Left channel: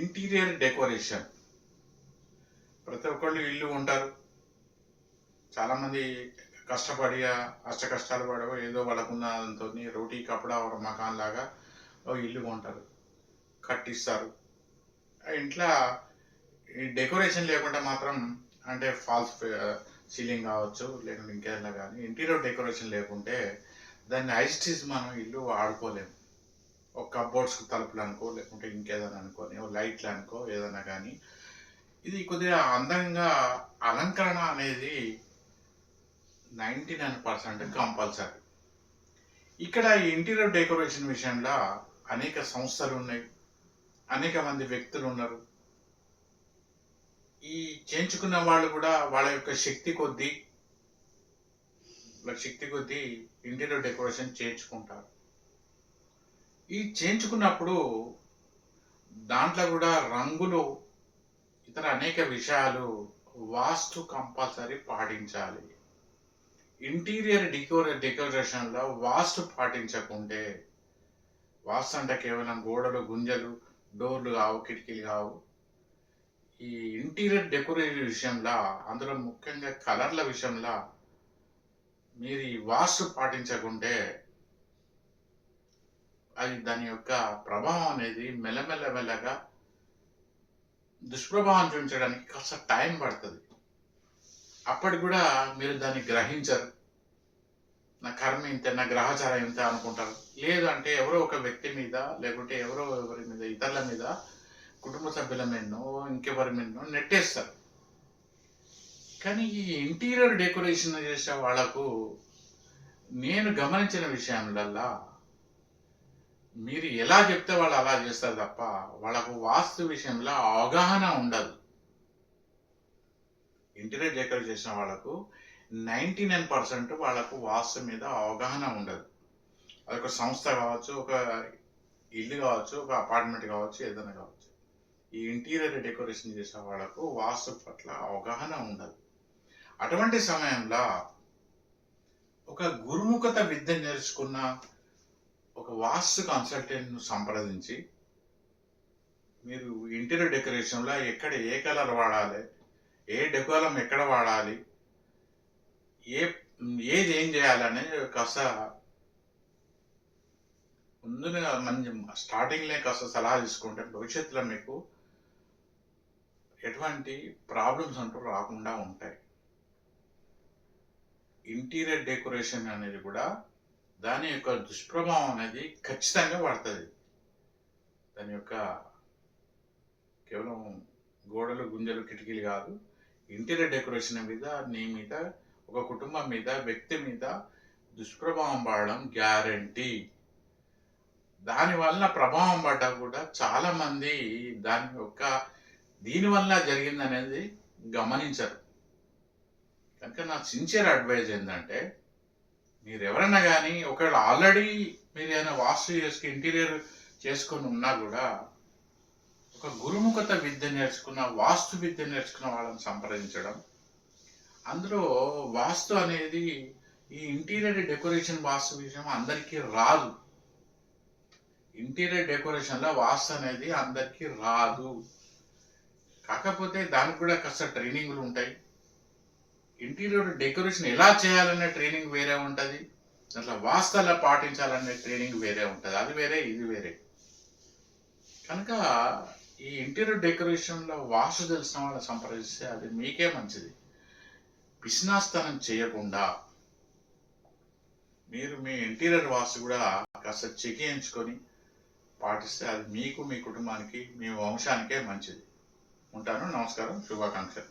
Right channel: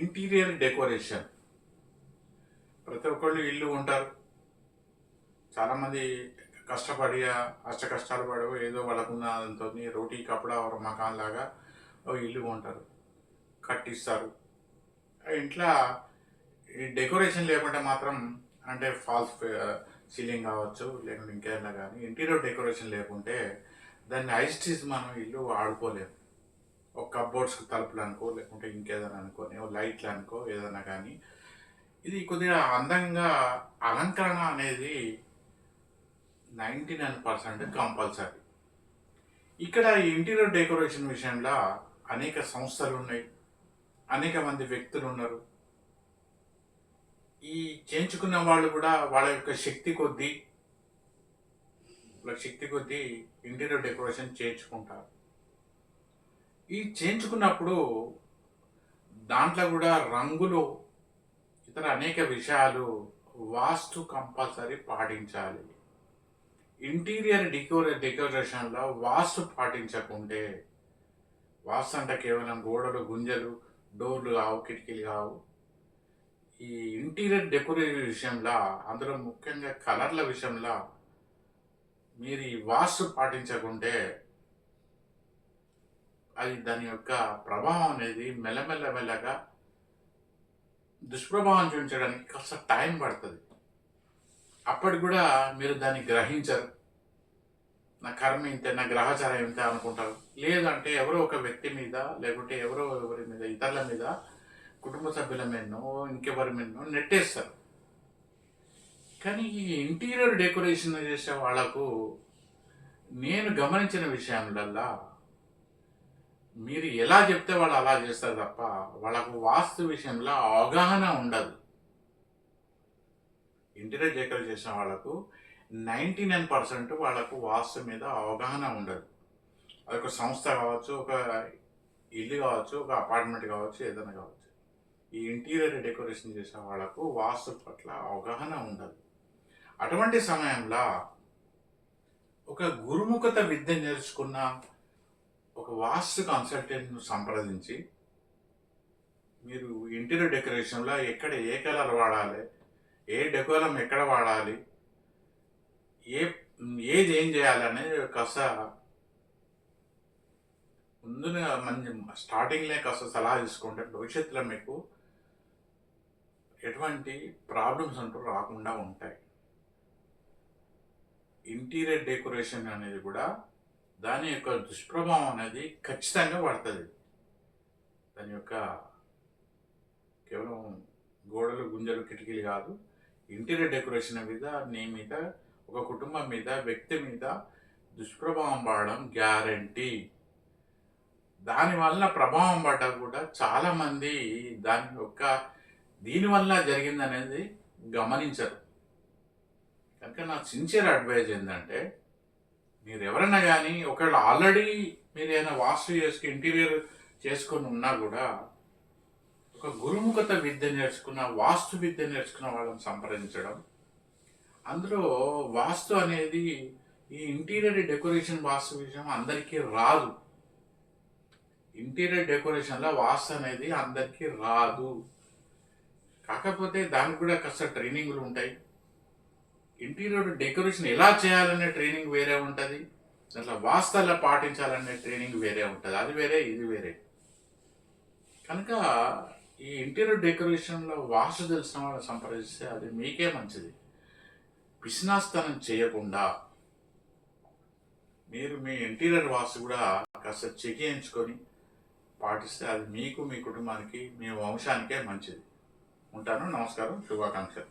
Interior decoration. ప్రతి ఒక్కళ్ళు ఇల్లు ఉంటారు. చాలామంది కష్టపడి అష్ట కష్టాలు పడో ఏదో వాళ్ళకున్న దాంతో రోటీ కపడా ఒక మకాన్ లాగా ఓ ఇల్లు ఉంటారు, కట్టిస్తారు. ఆ ఇంట్లో ఈ డెకరేషన్ లేకుండా మాత్రం, అంటే ఫాల్స్ సీలింగ్ కావచ్చు, లేకుంటే ఇంకేదైనా కానీ ఇంటీరియర్ డెకరేషన్ లేకుంటే దాన్ని ఐస్టీస్ మనం ఇల్లు వాడుకోలేము. ఒక కప్బోర్డ్స్కి తలుపులు అనుకో, లేకుంటే ఇంకేదైనా అనుకోని ఓ లైట్లు అనుకో, ఏదైనా కానీ ఇది కొద్దిగా అందంగా అలంకరణ అనేది 99% కంపల్సరీ. ఇక్కడ ఈ ఇంటీరియర్ డెకరేషన్ విషయంలో అనేక సంస్థలు ఉన్నాయి, అనేక మంది వ్యక్తులు ఉన్నారు. ఈ చేయించుకున్న వాళ్ళు కూడా వాళ్ళ యొక్క శక్తి కొద్దీ ఇంటీరియర్ డెకరేషన్ చేయించుకుంటారు. ఈ చేయించుకున్నప్పుడు దాంట్లో కూడా రంగులు, ఇతర అనేక విషయాలు, వాస్తు కంపల్సరీ పాటించాలి. ఇంటీరియర్ డెకరేషన్లో వాస్తు పాటించకుంటే, వాస్తు అంటే కేవలం గోడలు గుంజలు డోర్లు కావు, కిటికీలు కావు. ఈ ఇంటీరియర్ డెకరేషన్ విషయంలో, అందులో ముఖ్యంగా కలర్ల విషయంలో మీరు ఈ వాస్తు పాటించకుంటే అది దాని యొక్క ప్రభావం అనేది మెల్లమెల్లగా దుష్ప్రభావం చూపించడానికి కాస్త టైం పడుతుంది. అప్పటికి కూడా మీరు దాన్ని గ్రహించరు. నా కర్మ ఇంతే, నా గ్రహచారం ఇంత అనుకుంటారు. లేదంటే ఎవరో ఒక వ్యక్తి మీద, లేకుంటే ఎవరి మీద, ఇతరుల మీద, కుటుంబ సభ్యుల మీదనో ఇంకెవరి మీదనో నెట్టేస్తారు. కానీ ఈ ఇంటీరియర్ డెకరేషన్ చేసే వాళ్ళకు నేను గమనించిన విషయంలల్లా, మీరు ఎలా చెప్తే వాళ్ళు అలా చేస్తారు తప్ప వాళ్ళకు వాస్తు విషయంలో అవగాహన ఉండదు. ఇంటీరియర్ డెకరేట్ చేసిన వాళ్ళకు 99% వాళ్ళకు వాస్తు మీద అవగాహన ఉండదు. అదొక సంస్థ కావచ్చు, ఒక ఇల్లు కావచ్చు, ఒక అపార్ట్మెంట్ కావచ్చు, ఏదైనా కావచ్చు. ఈ ఇంటీరియర్ డెకరేషన్ చేసే వాళ్ళకు వాస్తు పట్ల అవగాహన ఉండదు. అటువంటి సమయంలో ఒక గురుముఖత విద్య నేర్చుకున్న ఒక వాస్తు కన్సల్టెంట్ను సంప్రదించి, మీరు ఇంటీరియర్ డెకరేషన్లో ఎక్కడ ఏ కలర్ వాడాలి, ఏ డెకోరం ఎక్కడ వాడాలి, ఏది ఏం చేయాలనేది కాస్త ముందుగా మంచి స్టార్టింగ్లో కాస్త సలహా తీసుకుంటే భవిష్యత్తులో మీకు ఎటువంటి ప్రాబ్లమ్స్ అంటూ రాకుండా ఉంటాయి. ఇంటీరియర్ డెకరేషన్ అనేది కూడా దాని యొక్క దుష్ప్రభావం అనేది ఖచ్చితంగా పడుతుంది. దాని యొక్క కేవలం గోడలు గుంజలు కిటికీలు కాదు, ఇంటీరియర్ డెకరేషన్ మీద, నీ మీద, ఒక కుటుంబం మీద, వ్యక్తి మీద దుష్ప్రభావం పడడం గ్యారంటీ. దానివల్ల ప్రభావం పడ్డా కూడా చాలామంది దీనివల్ల జరిగిందనేది గమనించరు. కనుక నా సిన్సియర్ అడ్వైజ్ ఏంటంటే, మీరు ఎవరైనా కానీ ఒకవేళ ఆల్రెడీ మీరు ఏదైనా వాస్తు ఇంటీరియర్ చేసుకొని ఉన్నా కూడా ఒక గురుముఖత విద్య నేర్చుకున్న, వాస్తు విద్య నేర్చుకున్న వాళ్ళని సంప్రదించడం. అందులో వాస్తు అనేది ఈ ఇంటీరియర్ డెకరేషన్ వాస్తు విషయం అందరికీ రాదు. ఇంటీరియర్ డెకరేషన్లో వాస్తు అనేది అందరికీ రాదు. కాకపోతే దానికి కూడా కాస్త ట్రైనింగ్లు ఉంటాయి. ఇంటీరియర్ డెకరేషన్ ఎలా చేయాలనే ట్రైనింగ్ వేరే ఉంటుంది, దాంట్లో వాస్తు ఎలా పాటించాలనే ట్రైనింగ్ వేరే ఉంటుంది. అది వేరే, ఇది వేరే. కనుక ఈ ఇంటీరియర్ డెకరేషన్లో వాస్తు తెలిసిన వాళ్ళని సంప్రదిస్తే అది మీకే మంచిది. పిసినాస్తనం చేయకుండా మీరు మీ ఇంటీరియర్ వాస్తు కూడా కాస్త చెకించుకొని పాటిస్తే అది మీకు, మీ కుటుంబానికి, మీ వంశానికే మంచిది. ఉంటాను. నమస్కారం. శుభాకాంక్షలు.